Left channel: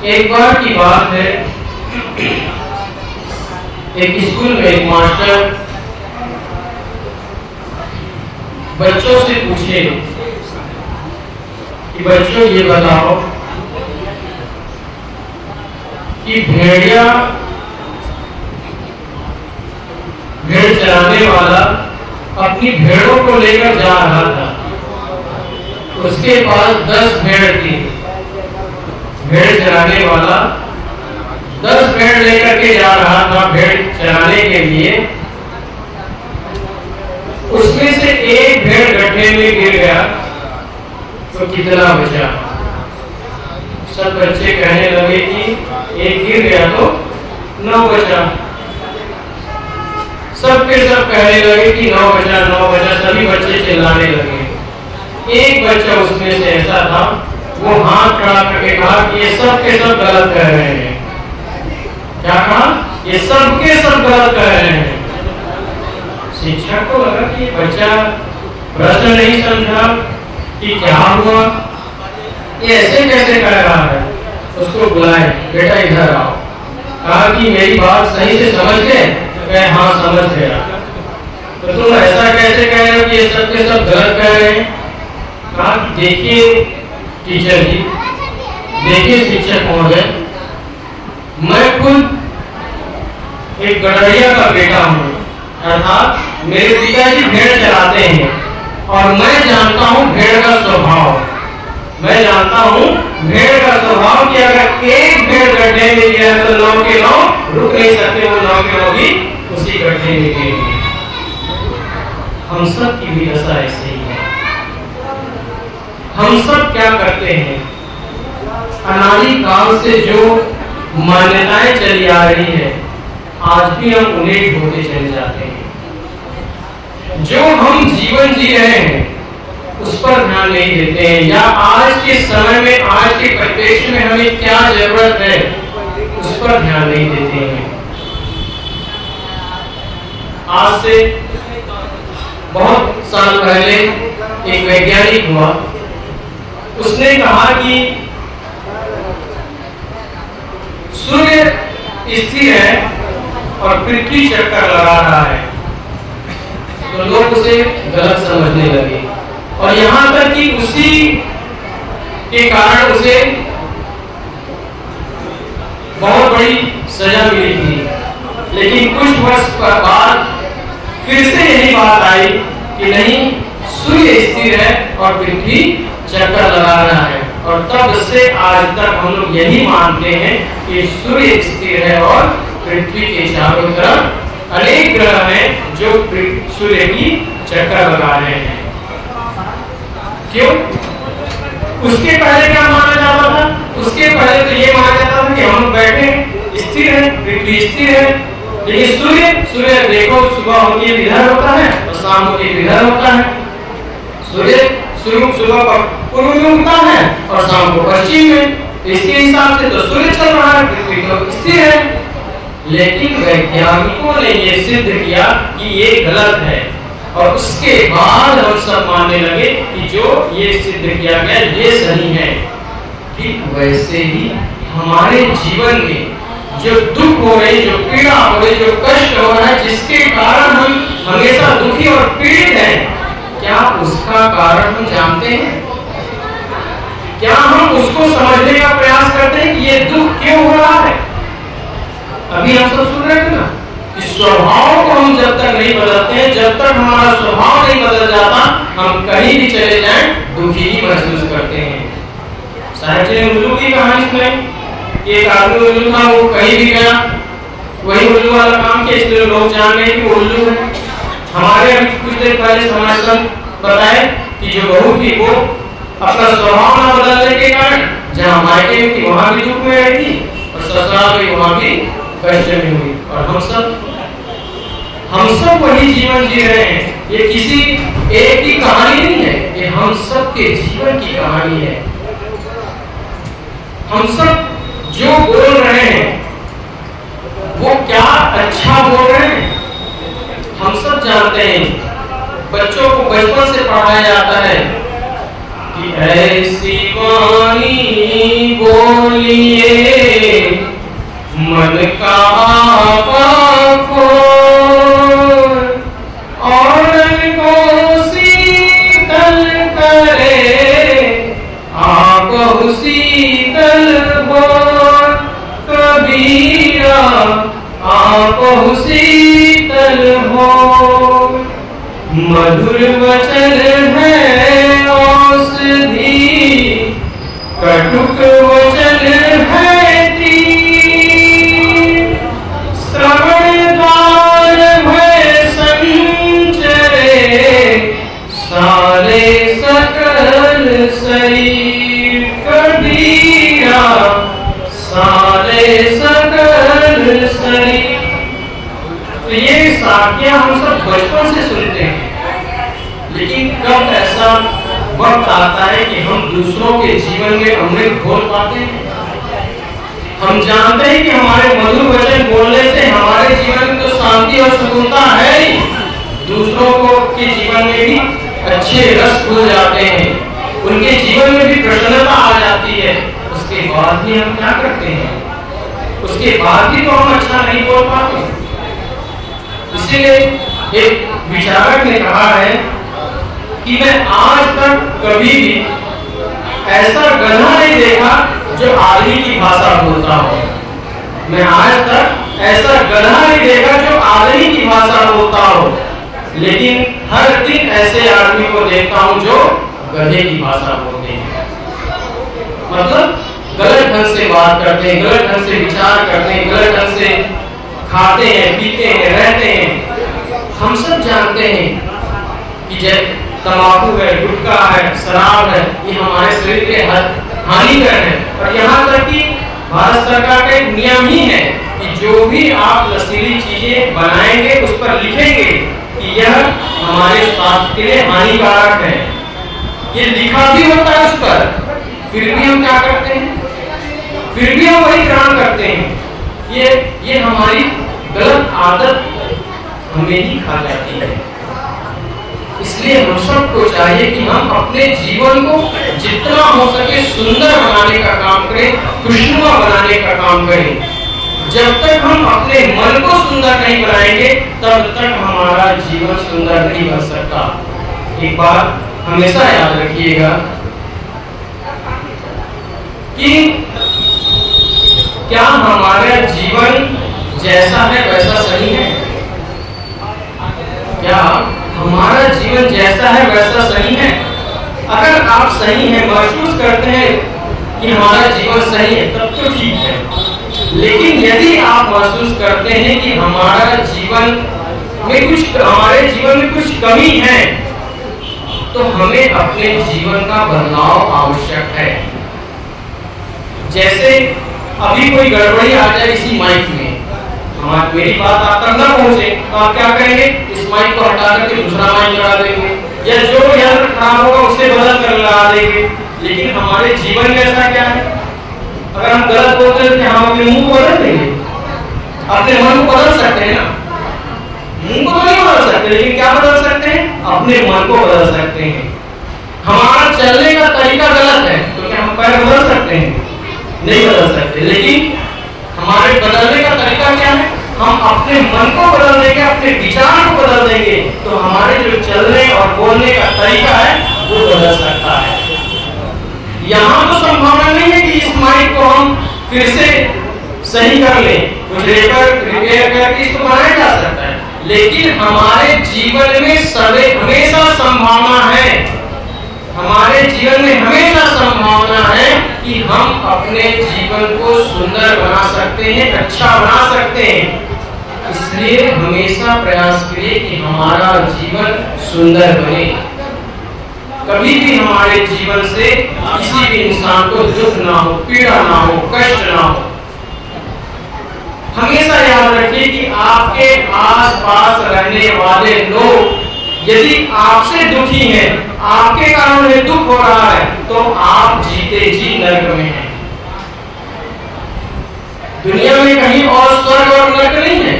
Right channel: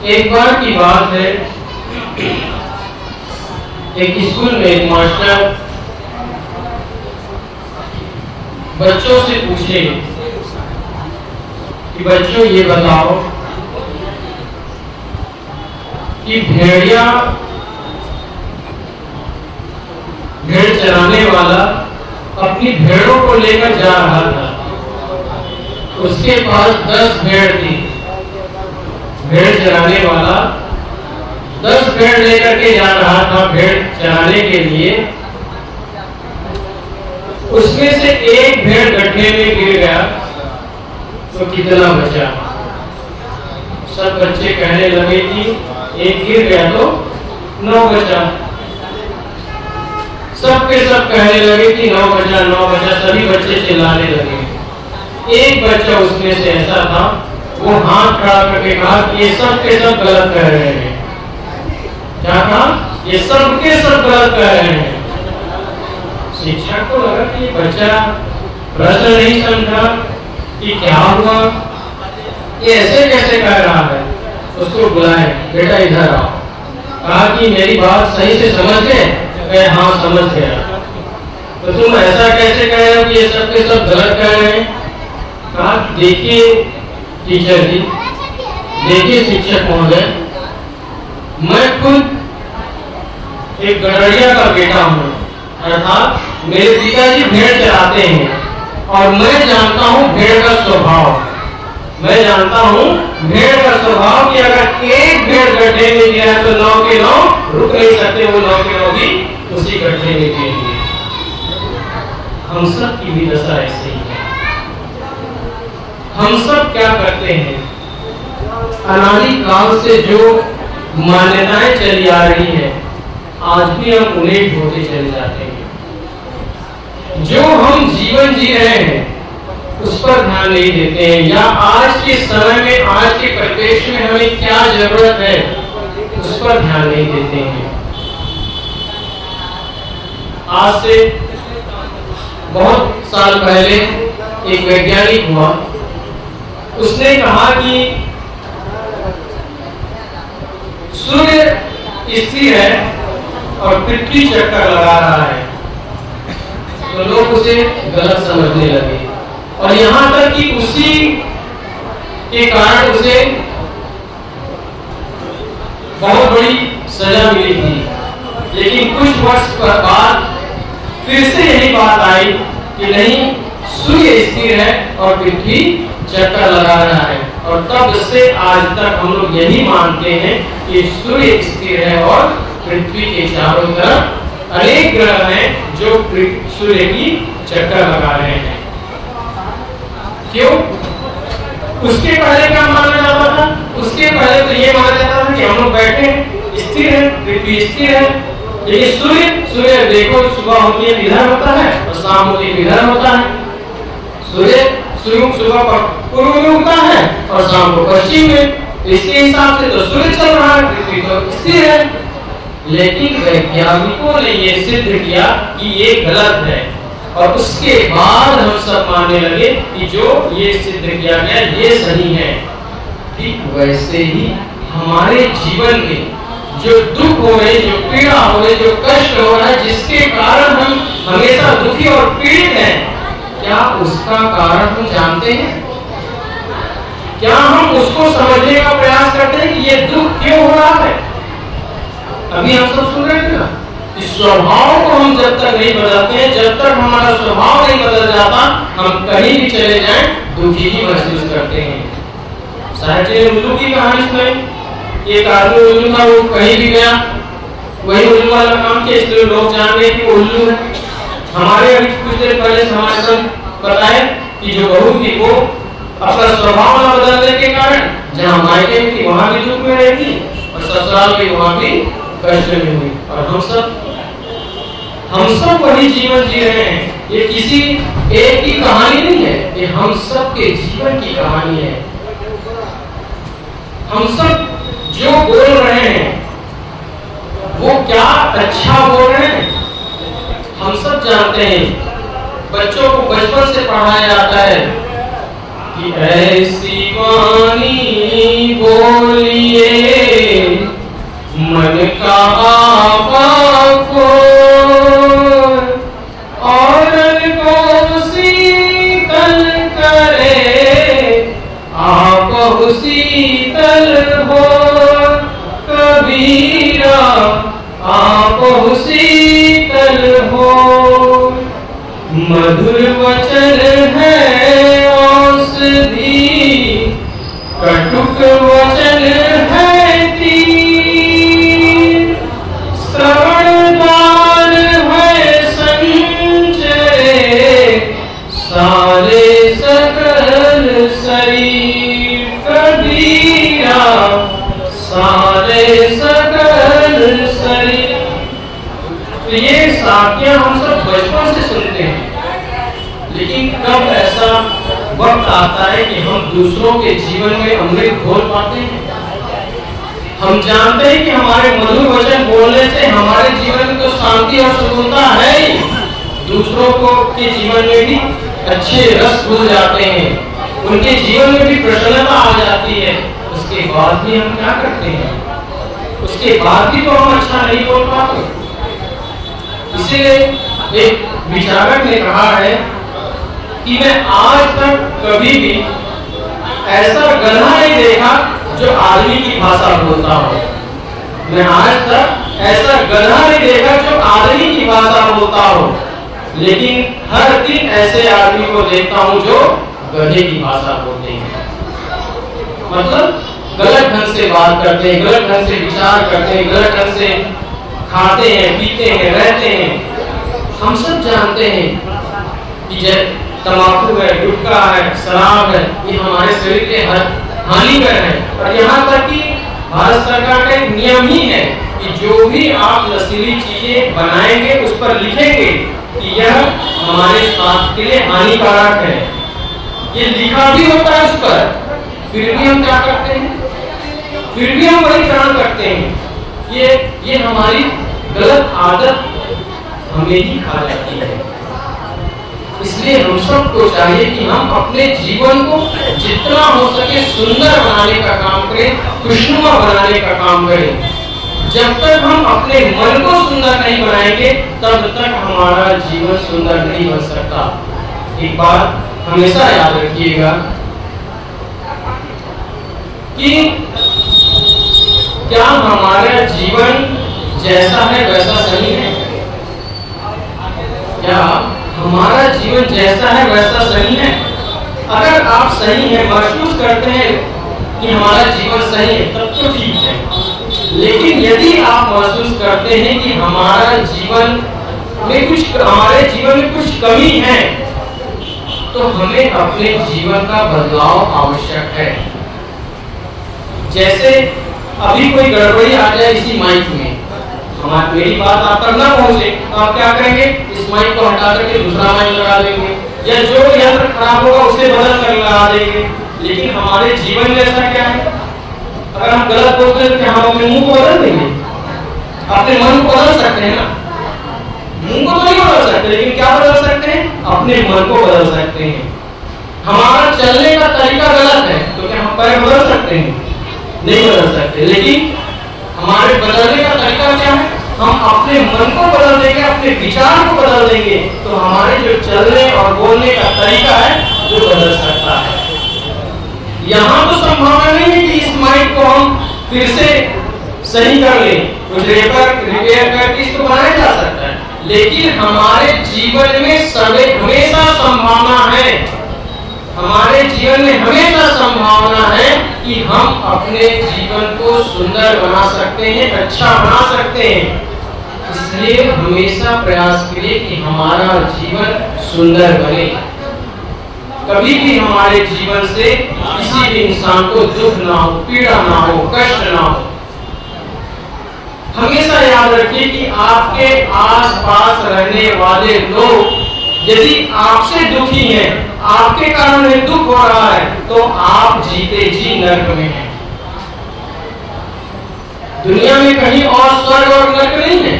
एक बार की बात है, एक स्कूल में एक मास्टर बच्चों से पूछे कि बच्चों ये बताओ कि भेड़ चराने वाला अपनी भेड़ों को लेकर जा रहा था। उसके पास 10 भेड़ थी। भेड़ चराने वाला 10 भेड़ लेकर के जा रहा था भेड़ चराने के लिए। उसमें से एक भेड़ गड्ढे में गिर गया तो कितना बचा? सब बच्चे कहने लगे कि एक गिर गया तो 9 बचा। सब के सब कहने लगे कि 9 बचा 9 बचा। सभी बच्चे चिल्लाने लगे। एक बच्चा उसमें से ऐसा था, वो हाथ खड़ा करके कहा कि ये सब के सब गलत कह रहे हैं। क्या कहा? ये सब के सब गलत कह रहे हैं। शिक्षक को लगा कि बच्चा प्रश्न नहीं समझा कि क्या हुआ, ये ऐसे कैसे कह रहा है। उसको बुलाए, बेटा इधर आओ। कहा कि मेरी बात सही से समझ गए? हाँ समझ गया। तो तुम ऐसा कैसे कह रहे हो कि ये सब के सब गलत कह रहे हैं? कहा कि देखिए टीचर जी, देखिए शिक्षक महोदय, मैं खुद एक गड़रिया का बेटा हूँ, अर्थात मेरे पिताजी भेड़ चराते हैं और मैं जानता हूँ भेड़ का स्वभाव। मैं जानता हूँ भेड़ का स्वभाव कि अगर एक भेड़ गड्ढे में गया तो 9 के 9 रुक नहीं सकते, वो 9 के 9 भी उसी गड्ढे में गिरेंगे। हम सब की भी दशा ऐसे ही है। हम सब क्या करते हैं? अनादि काल से जो मान्यताएं चली आ रही है, आज भी हम उन्हें ही होते चले जाते हैं। जो हम जीवन जी रहे हैं उस पर ध्यान नहीं देते हैं, या आज के समय में, आज के परिवेश में हमें क्या जरूरत है उस पर ध्यान नहीं देते हैं। आज से बहुत साल पहले एक वैज्ञानिक हुआ, उसने कहा कि सूर्य स्थिर है और पृथ्वी चक्कर लगा रहा है। तो लोग उसे गलत समझने लगे और यहां तक कि उसी के कारण उसे बहुत बड़ी सजा मिली थी। लेकिन कुछ वर्ष बाद फिर से यही बात आई कि नहीं, सूर्य स्थिर है और पृथ्वी चक्कर लगा रहा है। और तब से आज तक हम लोग यही मानते हैं कि सूर्य स्थिर है और पृथ्वी के चारों तरफ अनेक ग्रह हैं जो सूर्य की चक्कर लगा रहे हैं। क्यों? उसके पहले क्या माना जाता था? उसके पहले तो ये माना जाता था कि हम लोग बैठे स्थिर है, पृथ्वी स्थिर है। लेकिन सूर्य देखो, सुबह होके इधर होता है और शाम होके इधर होता है। सूर्य सुबह पूर्व में उगता है और शाम को पश्चिम में। इसके हिसाब से तो सूर्य चल रहा है, पृथ्वी तो स्थिर है। लेकिन वैज्ञानिकों ने ये सिद्ध किया कि ये गलत है और उसके बाद हम सब मानने लगे कि जो ये सिद्ध किया गया ये सही है। ठीक वैसे ही हमारे जीवन में जो दुख हो रही, जो पीड़ा हो रही, जो कष्ट हो रहा है, जिसके कारण हम हमेशा दुखी और पीड़ित हैं, क्या उसका कारण हम जानते हैं? क्या हम उसको समझने का प्रयास करते हैं कि ये दुख क्यों हो रहा है? अभी हम सब सुन रहे थे ना, इस स्वभाव को हम जब तक नहीं बदलते हैं, जब तक हमारा स्वभाव नहीं बदल जाता, हम कहीं भी चले जाएं दुखी ही महसूस करते हैं। साहित्य ने उल्लू की कहानी सुनाई। एक आदमी उल्लू था, वो कहीं भी गया वही उल्लू वाला काम किया, इसलिए लोग जान गए कि वो उल्लू है। हमारे अभी कुछ देर पहले समाज पर बताए कि जो बहू थी वो अपना स्वभाव न बदलने के कारण जहाँ मायके में थी वहां भी दुख में रही थी और ससुराल की वहां भी कष्ट में हुई। और हम सब वही जीवन जी रहे हैं। ये किसी एक की कहानी नहीं है, ये हम सब के जीवन की कहानी है। हम सब जो बोल रहे हैं वो क्या अच्छा बोल रहे हैं? हम सब जानते हैं, बच्चों को बचपन से पढ़ाया जाता है कि ऐसी वाणी बोलिए शीतल हो कबीरा आपहु शीतल हो। मधुर वचन है औषधि कटुक वचन है तीर। श्रवणदान भय संचरे सारे सकल शरीर। कबीरा सारे सकल शरीर। तो ये साखियां हम सब बचपन से सुनते हैं, लेकिन कब ऐसा वक्त आता है कि हम दूसरों के जीवन में अमृत घोल पाते हैं। हम जानते हैं कि हमारे मधुर वचन बोलने से हमारे जीवन में तो शांति और सुगमता है ही, दूसरों को के जीवन में भी अच्छे रस घुल जाते हैं, उनके जीवन में भी प्रसन्नता आ जाती है। उसके बाद भी हम क्या करते हैं? उसके बाद भी तो हम अच्छा नहीं बोल पाते। इसलिए एक विचारक ने कहा है कि मैं आज तक कभी भी ऐसा गधा नहीं देखा जो आदमी की भाषा बोलता हो। मैं आज तक ऐसा गधा नहीं देखा जो आदमी की भाषा बोलता हो, लेकिन हर दिन ऐसे आदमी को देखता हूं जो गधे की भाषा बोलते हैं। मतलब गलत ढंग से बात करते हैं, गलत ढंग से विचार करते हैं, गलत ढंग से खाते हैं, पीते हैं, रहते हैं। हम सब जानते हैं कि जब तंबाकू है, गुटखा है, शराब है, ये हमारे शरीर के हानिकर है। और यहाँ तक कि भारत सरकार का एक नियम ही है कि जो भी आप नशीली चीजें बनाएंगे उस पर लिखेंगे कि यह हमारे स्वास्थ्य के लिए हानिकारक है। ये लिखा भी होता है उस पर, फिर भी हम क्या करते हैं? फिर भी हम वही काम करते हैं। ये हमारी गलत आदत हमें ही खा जाती है। इसलिए हम सबको चाहिए कि हम अपने जीवन को जितना हो सके सुंदर बनाने का काम करें, खुशनुमा बनाने का काम करें। जब तक हम अपने मन को सुंदर नहीं बनाएंगे तब तक हमारा जीवन सुंदर नहीं बन सकता। एक बात हमेशा याद रखिएगा कि क्या हमारा जीवन जैसा है वैसा सही है? क्या हमारा जीवन जैसा है वैसा सही है? अगर आप सही है, महसूस करते हैं कि हमारा जीवन सही है, तब तो ठीक है। लेकिन यदि आप महसूस करते हैं कि हमारे जीवन में कुछ कमी है, तो हमें अपने जीवन का बदलाव आवश्यक है। जैसे अभी कोई गड़बड़ी आ जाए इसी माइक में, मेरी बात आप तक ना पहुंचे, तो आप क्या करेंगे? इस माइक को हटा करके दूसरा माइक लगा देंगे, या जो यंत्र खराब होगा उसे बदल कर लगा देंगे। लेकिन हमारे जीवन में ऐसा क्या है? अगर हम गलत बोलते हैं तो हम अपने मुंह को बदल देंगे, अपने मन को बदल सकते हैं ना? मुंह को तो नहीं बदल सकते, लेकिन क्या बदल सकते हैं? अपने मन को बदल सकते हैं। हमारा चलने का तरीका गलत है तो क्या हम पैर बदल सकते हैं? नहीं बदल सकते। लेकिन हमारे बदलने का तरीका क्या है? हम अपने मन को बदल देंगे, अपने विचार को बदल देंगे, तो हमारे जो चलने और बोलने का तरीका है वो बदल सकता है। यहाँ तो संभावना नहीं है कि इस माइक को हम फिर से सही कर लें, कुछ रिपेयर करके इसको बनाया जा सकता है, लेकिन हमारे जीवन में हमेशा संभावना है, हमारे जीवन में हमेशा संभावना है कि हम अपने जीवन को सुंदर बना सकते हैं, अच्छा बना सकते हैं। इसलिए हमेशा प्रयास करें कि हमारा जीवन सुंदर बने। कभी भी हमारे जीवन से किसी भी इंसान को दुख ना हो, पीड़ा ना हो, कष्ट ना हो। हमेशा याद रखिए कि आपके आसपास रहने वाले लोग यदि आपसे दुखी हैं, आपके कारण उन्हें दुख हो रहा है, तो आप जीते जी नरक में हैं। दुनिया में कहीं और स्वर्ग और नरक नहीं है।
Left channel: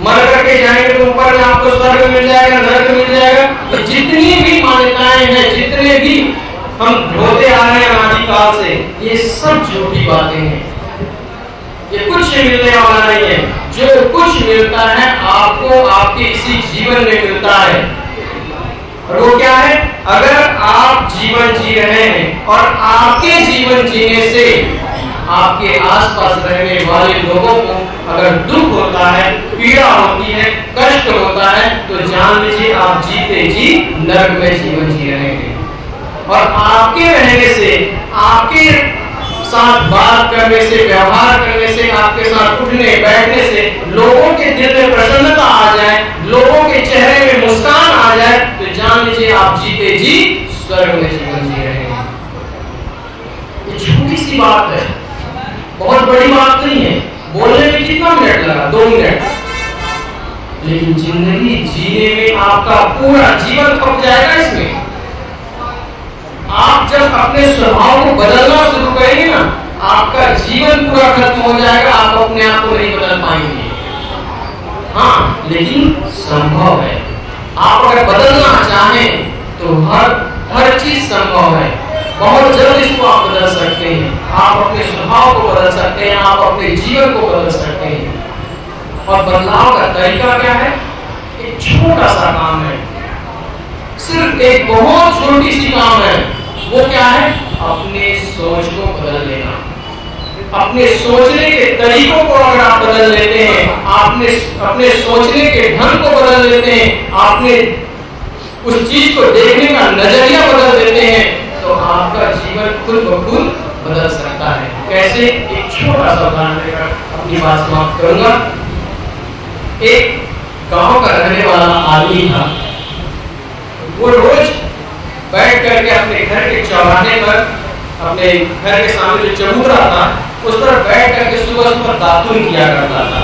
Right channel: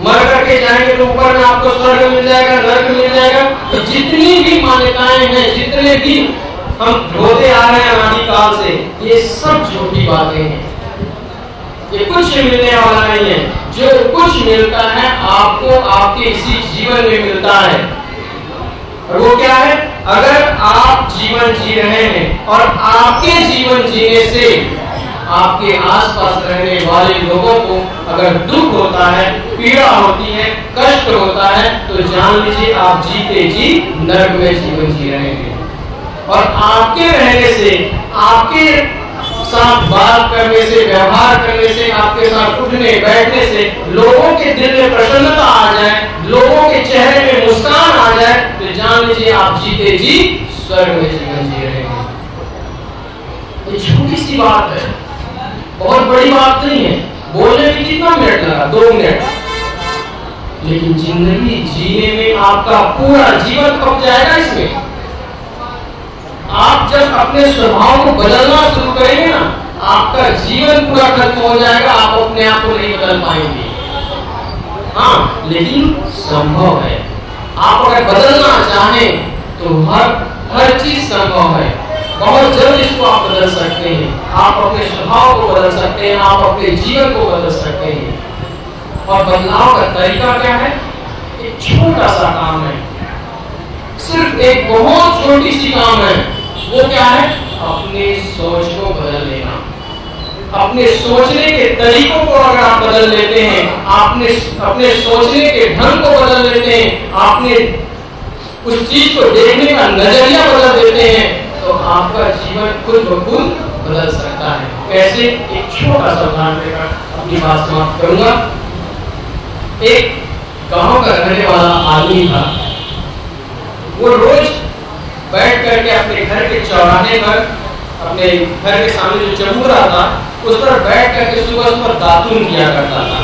मर करके जाएंगे तो ऊपर में आपको स्वर्ग मिल जाएगा, नरक मिल जाएगा। तो जितनी भी मान्यताएं हैं, जितने भी हम होते आ रहे हैं अनादिकाल से, ये सब झूठी बातें हैं। ये कुछ मिलने वाला नहीं है। जो कुछ मिलता है आपको आपके इसी जीवन में मिलता है, और वो क्या है? अगर आप जीवन जी रहे हैं और आपके जीवन जीने से आपके आसपास रहने वाले लोगों को अगर दुख होता है, पीड़ा होती है, कष्ट होता है, तो जान लीजिए आप जीते जी नरक में जीवन जी रहे हैं। और आपके रहने से, आपके साथ बात करने से, व्यवहार करने से, आपके साथ उठने बैठने से लोगों के दिल में प्रसन्नता आ जाए, लोगों के चेहरे में मुस्कान आ जाए, तो जान लीजिए आप जीते जी स्वर्ग में जीवन जी रहे हैं। ये छोटी सी बात है, बहुत बड़ी बात नहीं है। बोलने में कितना मिनट लगा? 2 मिनट, लेकिन जिंदगी जीने में आपका पूरा जीवन खप जाएगा इसमें। आप जब अपने स्वभाव को बदलना शुरू करेंगे ना, आपका जीवन पूरा खत्म हो जाएगा, आप अपने आप को नहीं बदल पाएंगे। हाँ, लेकिन संभव है। आप अगर बदलना चाहें तो हर चीज संभव है। बहुत जल्द इसको आप बदल सकते हैं। आप अपने स्वभाव को बदल सकते हैं, आप अपने जीवन को बदल सकते हैं। और बदलाव का तरीका क्या है? एक छोटा सा काम है, सिर्फ एक बहुत छोटी सी काम है। वो क्या है? अपने सोच को बदल लेना। अपने सोचने के तरीकों को अगर आप बदल लेते हैं, आपने अपने सोचने के ढंग को बदल लेते हैं, आपने उस चीज को देखने का नजरिया बदल देते हैं, तो आपका जीवन खुद ब खुद बदल सकता है। कैसे? एक छोटा सा उदाहरण देकर अपनी बात समाप्त करूंगा। एक गांव का रहने वाला आदमी था। वो रोज बैठ करके अपने घर के चौराहे पर, अपने घर के सामने जो चबूतरा था, उस पर बैठ करके सुबह सुबह दातुन किया करता था।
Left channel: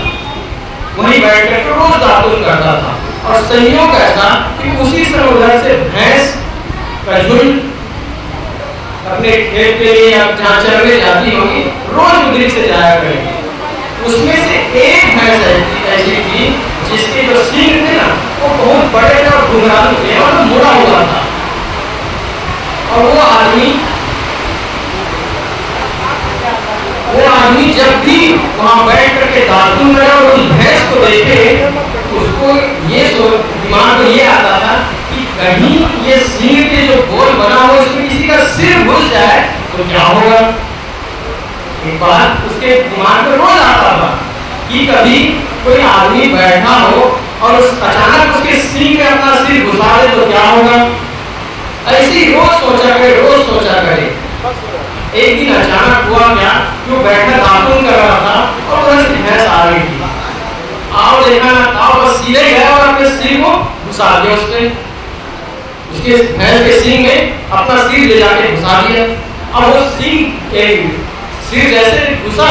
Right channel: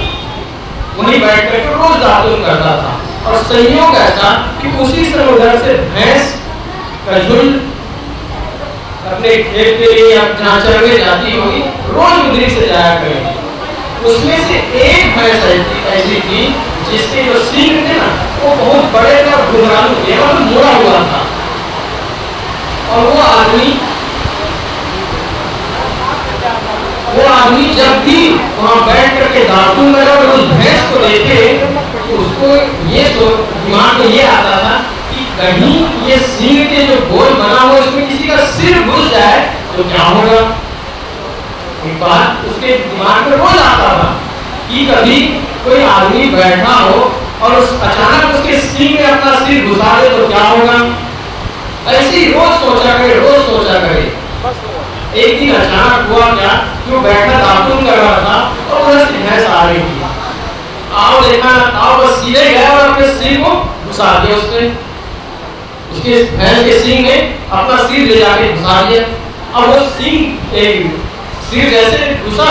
वहीं बैठ करके रोज दातुन करता था। और संयोग ऐसा कि उसी समय उधर से भैंस का झुंड अपने खेत के लिए जहाँ चरने जाती होगी, रोज उधर से जाया करेगी। उसमें से एक भैंस ऐसी थी जिसके जो सींग थे ना, वो बहुत बड़े थे और घुंघरालू थे और मुड़ा हुआ था। और वो आदमी जब भी वहां बैठ करके दातुन करे और उस भैंस को देखे, उसको ये दिमाग में ये आता था कि कहीं ये सिंह के जो गोल बना हुआ इसमें किसी का सिर घुस जाए तो क्या होगा। एक बात उसके दिमाग में रोज आता था कि कभी कोई आदमी बैठा हो और अचानक उसके सिंह में अपना सिर घुसा दे तो क्या होगा। ऐसे ही रोज सोचा करे। एक दिन अचानक हुआ क्या, जो बैठा दातुन कर रहा था और उधर से भैंस आ रही थी। आओ देखा ना, आओ बस सीधे गया और अपने सिर को घुसा दिया उसने। उसके भैंस के सिंह ने अपना सिर ले जाके घुसा दिया। अब वो सिर जैसे घुसा,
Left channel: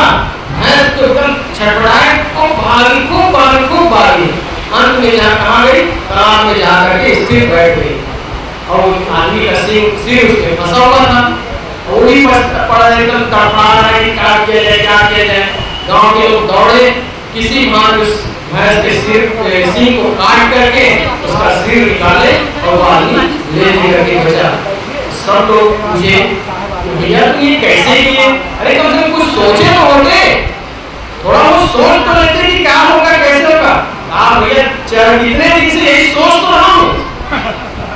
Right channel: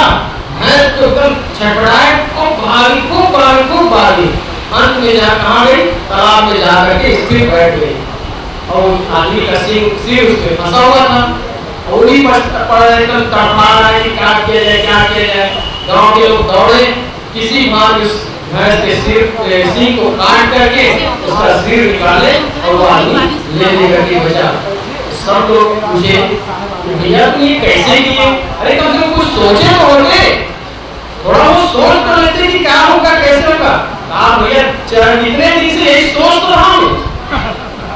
भैंस तो एकदम छटपटाए और खूब भागी। अंत में कहाँ गई? तालाब में जाकर के स्थिर बैठ गई। और आदमी का सिर उसमें फंसा हुआ था। वही पड़ रहे थे, तड़पा रहे कि क्या किया जाए। गाँव के लोग दौड़े, किसी भाग उस भैंस के सिंह को काट करके उसका सिर निकाले और वो आदमी ले करके बचा। सब लोग पूछे, भैया तुम ये कैसे किए? अरे कम से कम कुछ सोचे तो होते, थोड़ा वो सोच तो लेते कि क्या होगा, कैसे होगा। आप भैया इतने दिन से यही सोच तो रहा हूँ,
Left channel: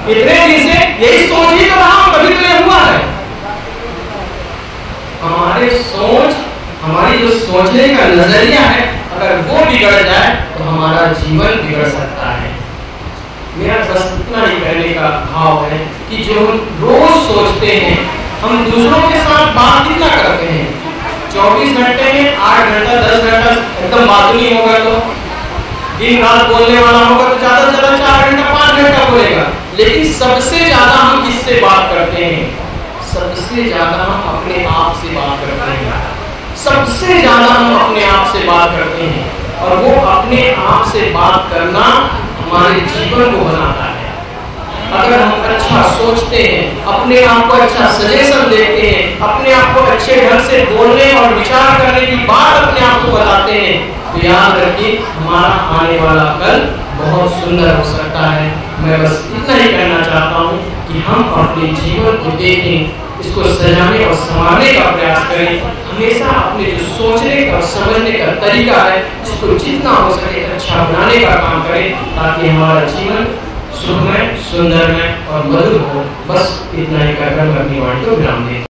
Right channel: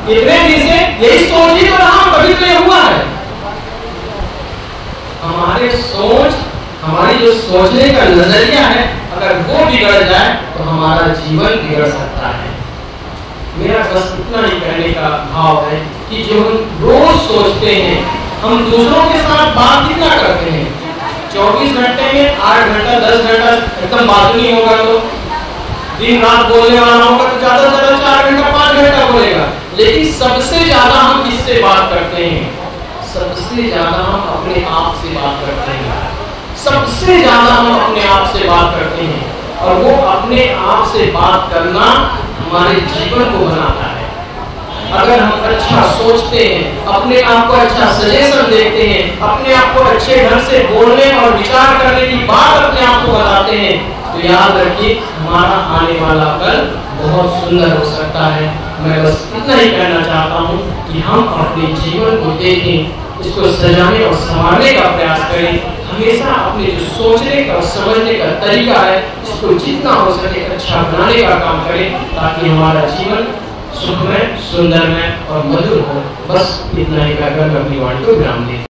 इतने दिन से यही सोच ही तो रहा हूँ, कभी तो ये हुआ है। हमारी जो सोचने का नजरिया है, अगर वो बिगड़ जाए तो हमारा जीवन बिगड़ सकता है। मेरा बस इतना ही कहने का भाव है कि जो हम रोज सोचते हैं, हम दूसरों के साथ बात कितना करते हैं। 24 घंटे में 8 घंटा 10 घंटा एकदम बात नहीं होगा, तो दिन रात बोलने वाला होगा तो ज्यादा से ज्यादा 4 घंटा 5 घंटा बोलेगा। लेकिन सबसे ज्यादा हम किससे बात करते हैं? सबसे ज्यादा हम अपने आप से बात करते हैं। सबसे ज्यादा हम अपने आप से बात करते हैं। और वो अपने आप से बात करना हमारे जीवन को बनाता है। अगर हम अच्छा सोचते हैं, अपने आप को अच्छा सजेशन देते हैं, अपने आप को अच्छे ढंग से बोलने और विचार करने की बात अपने आप को बताते हैं, तो याद रखिए हमारा आने वाला कल बहुत सुंदर हो सकता है। मैं बस इतना ही कहना चाहता हूँ कि हम अपने जीवन को देखें, इसको सजाने और संवारने का प्रयास करें। हमेशा अपने जो सोचने का और समझने का तरीका है, इसको जितना हो सके अच्छा बनाने का काम करें, ताकि हमारा जीवन सुखमय, सुंदरमय और मधुर हो। बस इतना ही कहकर मैं अपनी वाणी को विराम देता हूं।